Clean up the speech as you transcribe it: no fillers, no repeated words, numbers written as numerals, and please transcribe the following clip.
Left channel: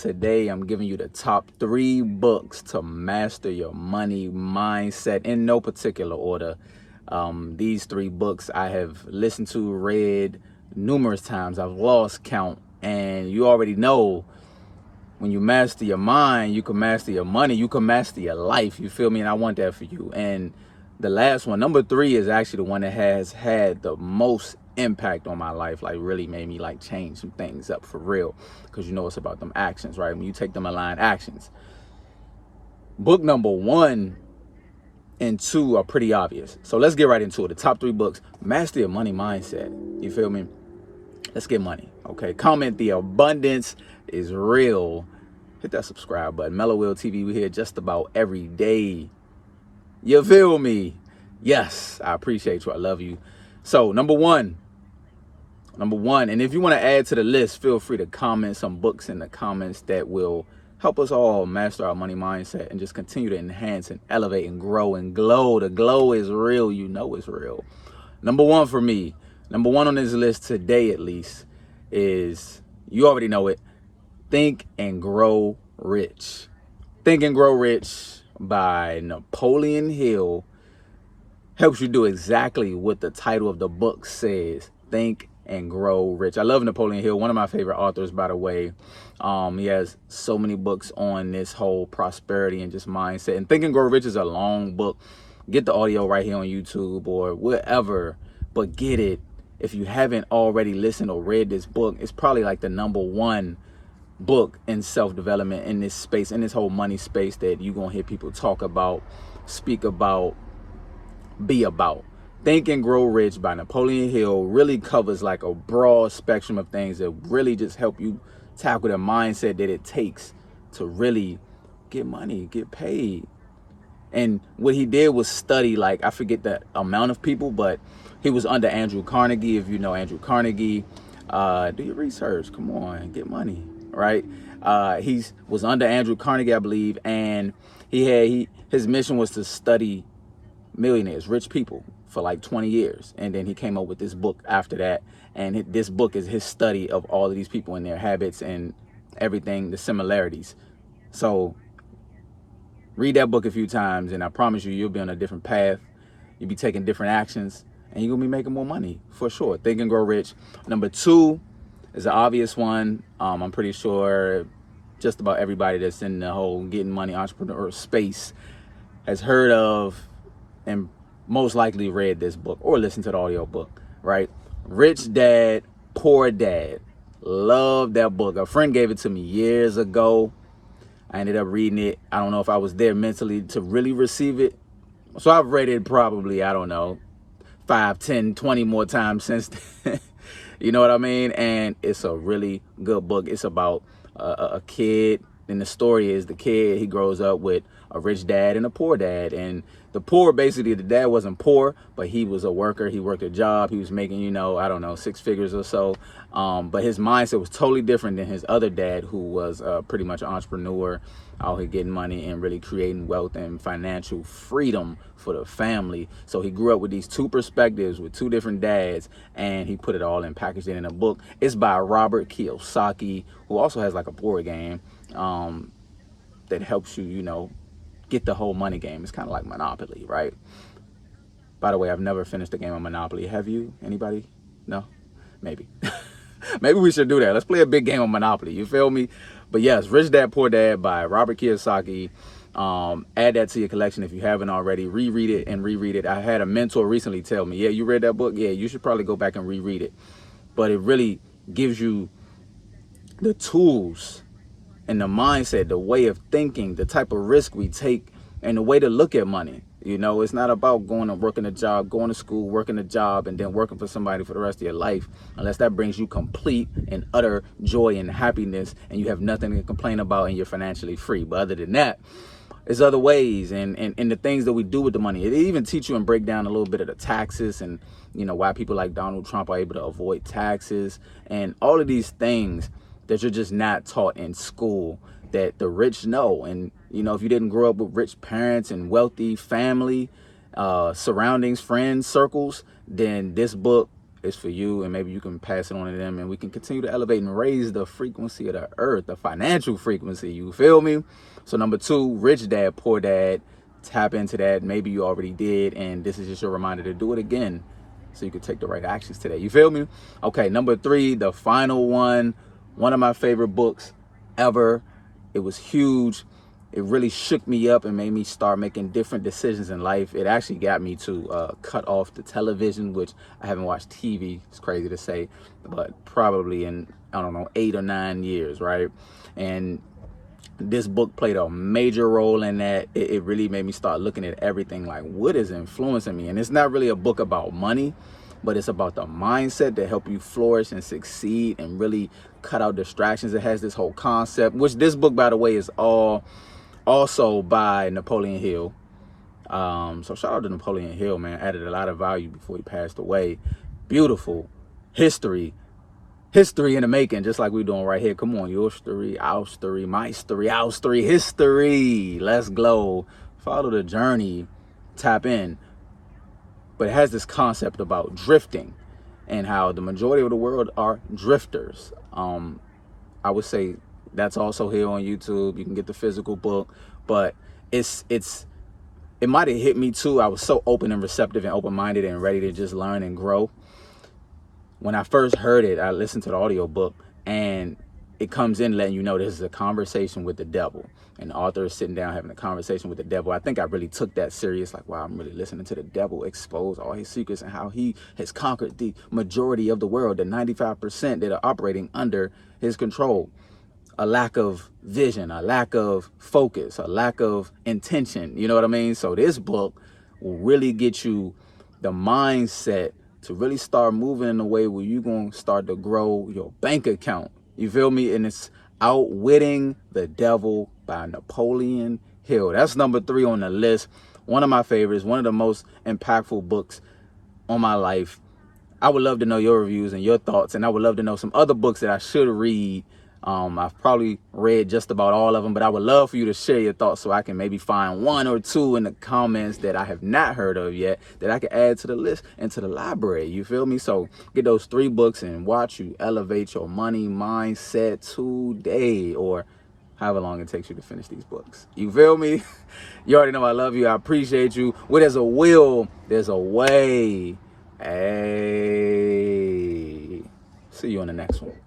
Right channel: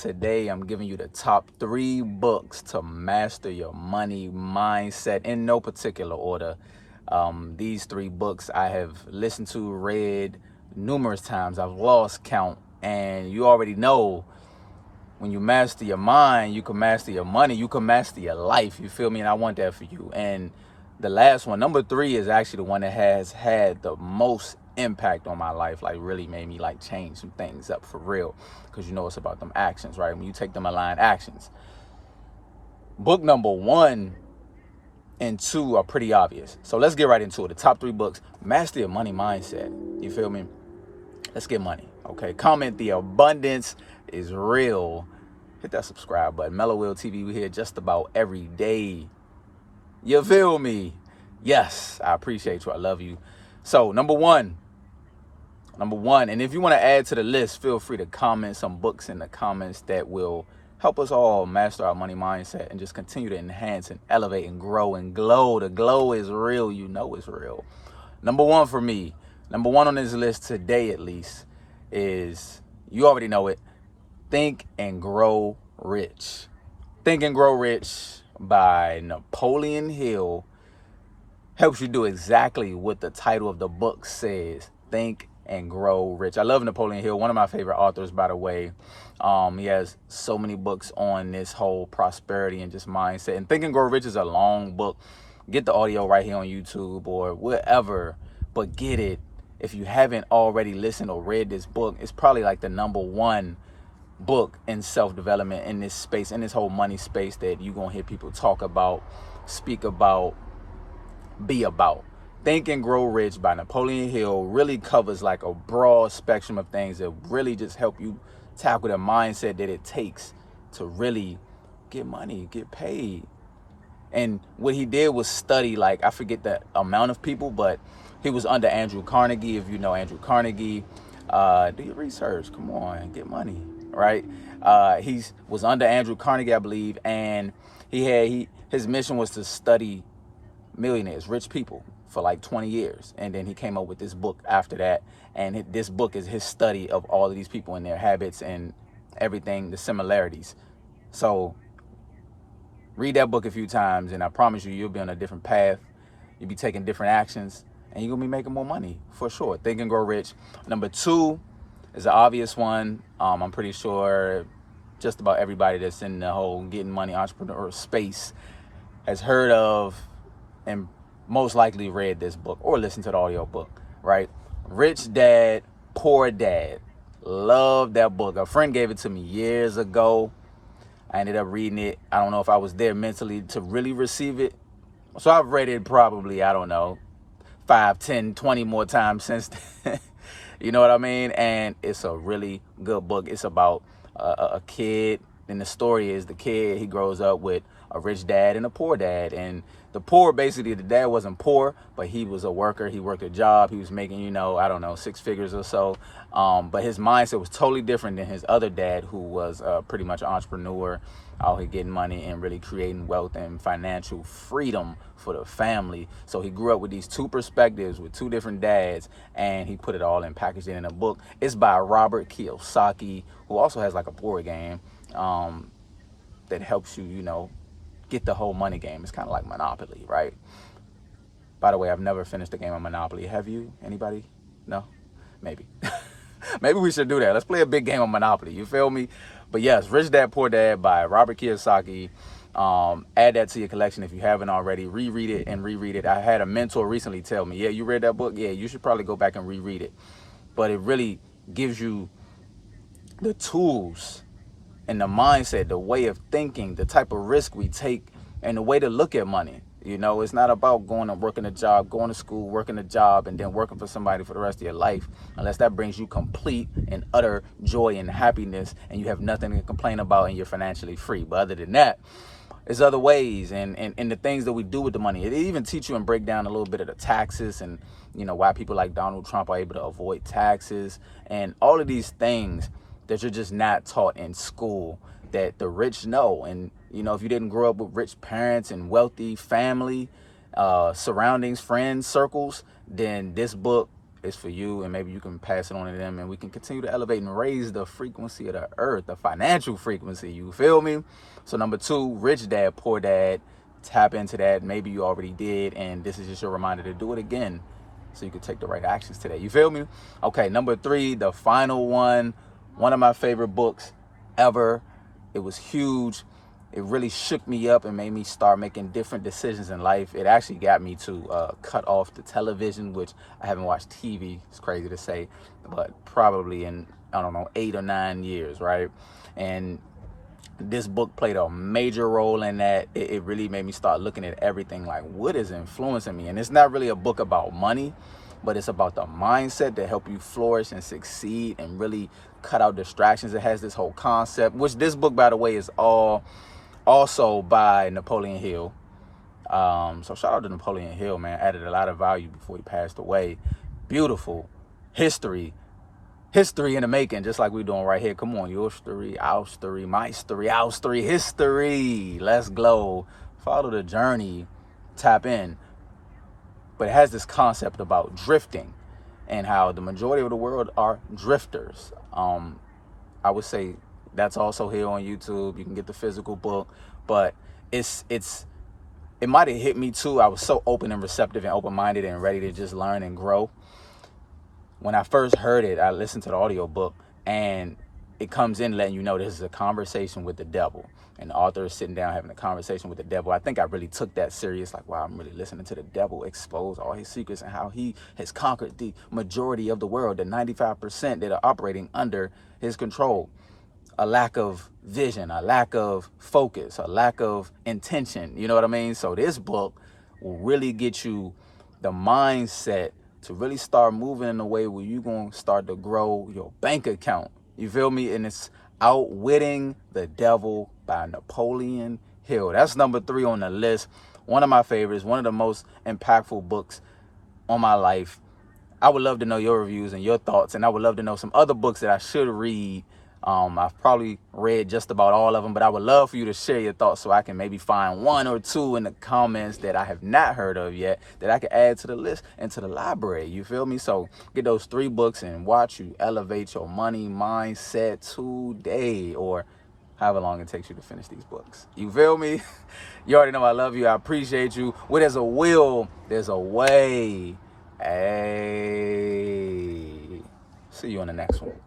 Today, I'm giving you the top 3 books to master your money mindset in no particular order. These 3 books I have listened to, read numerous times. I've lost count. And you already know, when you master your mind, you can master your money, you can master your life. You feel me? And I want that for you. And the last one, number 3, is actually the one that has had the most impact on my life, like really made me like change some things up for real, because you know it's about them actions, right? When you take them aligned actions. Book number 1 and 2 are pretty obvious, so let's get right into it. The top 3 books: Master Your Money Mindset. You feel me? Let's get money. Okay, comment The Abundance Is Real. Hit that subscribe button. Mello TV, we here just about every day. You feel me? Yes, I appreciate you. I love you. So number one, and if you want to add to the list, feel free to comment some books in the comments that will help us all master our money mindset and just continue to enhance and elevate and grow and glow. The glow is real. You know it's real. Number 1 for me, number 1 on this list today at least, is, you already know it, Think and Grow Rich. Think and Grow Rich by Napoleon Hill helps you do exactly what the title of the book says: Think and Grow Rich. I love Napoleon Hill, one of my favorite authors, by the way. He has so many books on this whole prosperity and just mindset. And Think and Grow Rich is a long book. Get the audio right here on YouTube or wherever, but get it. If you haven't already listened or read this book, it's probably like the number 1 book in self-development in this space, in this whole money space, that you're gonna hear people talk about, speak about, be about. Think and Grow Rich by Napoleon Hill really covers like a broad spectrum of things that really just help you tackle the mindset that it takes to really get money, get paid. And what he did was study, like, I forget the amount of people, but he was under Andrew Carnegie. If you know Andrew Carnegie, do your research. Come on, get money, right? He was under Andrew Carnegie, I believe, and his mission was to study millionaires, rich people, for like 20 years. And then he came up with this book after that. And this book is his study of all of these people and their habits and everything, the similarities. So read that book a few times, and I promise you, you'll be on a different path. You'll be taking different actions, and you're gonna be making more money for sure. Think and Grow Rich. Number 2 is the obvious one. I'm pretty sure just about everybody that's in the whole getting money entrepreneur space has heard of and most likely read this book or listened to the audio book, right? Rich Dad, Poor Dad. Love that book. A friend gave it to me years ago. I ended up reading it. I don't know if I was there mentally to really receive it. So I've read it probably, I don't know, 5, 10, 20 more times since then. You know what I mean? And it's a really good book. It's about a kid, and the story is the kid, he grows up with a rich dad and a poor dad. And the poor, basically, the dad wasn't poor, but he was a worker. He worked a job. He was making, you know, I don't know, 6 figures or so. But his mindset was totally different than his other dad, who was pretty much an entrepreneur, out here getting money and really creating wealth and financial freedom for the family. So he grew up with these 2 perspectives, with 2 different dads, and he put it all and packaged it in a book. It's by Robert Kiyosaki, who also has like a board game that helps you, you know, get the whole money game. It's kind of like Monopoly, right? By the way, I've never finished a game of Monopoly. Have you? Anybody? No? Maybe. Maybe we should do that. Let's play a big game of Monopoly. You feel me? But yes, Rich Dad, Poor Dad by Robert Kiyosaki. Add that to your collection if you haven't already. Reread it and reread it. I had a mentor recently tell me, yeah, you read that book? Yeah, you should probably go back and reread it. But it really gives you the tools and the mindset, the way of thinking, the type of risk we take, and the way to look at money. You know, it's not about going and working a job, going to school, working a job, and then working for somebody for the rest of your life, unless that brings you complete and utter joy and happiness, and you have nothing to complain about, and you're financially free. But other than that, there's other ways, and the things that we do with the money. It even teach you and break down a little bit of the taxes, and, you know, why people like Donald Trump are able to avoid taxes, and all of these things that you're just not taught in school, that the rich know. And, you know, if you didn't grow up with rich parents and wealthy family, surroundings, friends, circles, then this book is for you, and maybe you can pass it on to them, and we can continue to elevate and raise the frequency of the earth, the financial frequency. You feel me? So number 2, Rich Dad, Poor Dad. Tap into that. Maybe you already did, and this is just your reminder to do it again so you can take the right actions today. You feel me? Okay, number 3, the final one of my favorite books ever. It was huge. It really shook me up and made me start making different decisions in life. It actually got me to cut off the television, which I haven't watched TV, it's crazy to say, but probably in, I don't know, 8 or 9 years, right? And this book played a major role in that. It really made me start looking at everything like, what is influencing me? And it's not really a book about money, but it's about the mindset to help you flourish and succeed and really cut out distractions. It has this whole concept, which this book, by the way, is also by Napoleon Hill. So shout out to Napoleon Hill, man. Added a lot of value before he passed away. Beautiful history in the making, just like we're doing right here. Come on, your story, our story, my story, our story, history. Let's glow. Follow the journey. Tap in. But it has this concept about drifting and how the majority of the world are drifters. I would say that's also here on YouTube. You can get the physical book, but it might have hit me too. I was so open and receptive and open-minded and ready to just learn and grow. When I first heard it, I listened to the audio book, and it comes in letting you know this is a conversation with the devil. And the author is sitting down having a conversation with the devil. I think I really took that serious, like, wow, I'm really listening to the devil expose all his secrets and how he has conquered the majority of the world, the 95% that are operating under his control. A lack of vision, a lack of focus, a lack of intention. You know what I mean? So this book will really get you the mindset to really start moving in a way where you're going to start to grow your bank account. You feel me? And it's Outwitting the Devil by Napoleon Hill. That's number 3 on the list. One of my favorites, one of the most impactful books on my life. I would love to know your reviews and your thoughts, and I would love to know some other books that I should read. I've probably read just about all of them, but I would love for you to share your thoughts so I can maybe find 1 or 2 in the comments that I have not heard of yet that I can add to the list and to the library. You feel me? So get those 3 books and watch you elevate your money mindset today, or however long it takes you to finish these books. You feel me? You already know I love you. I appreciate you. Where there's a will, there's a way. Hey, see you on the next one.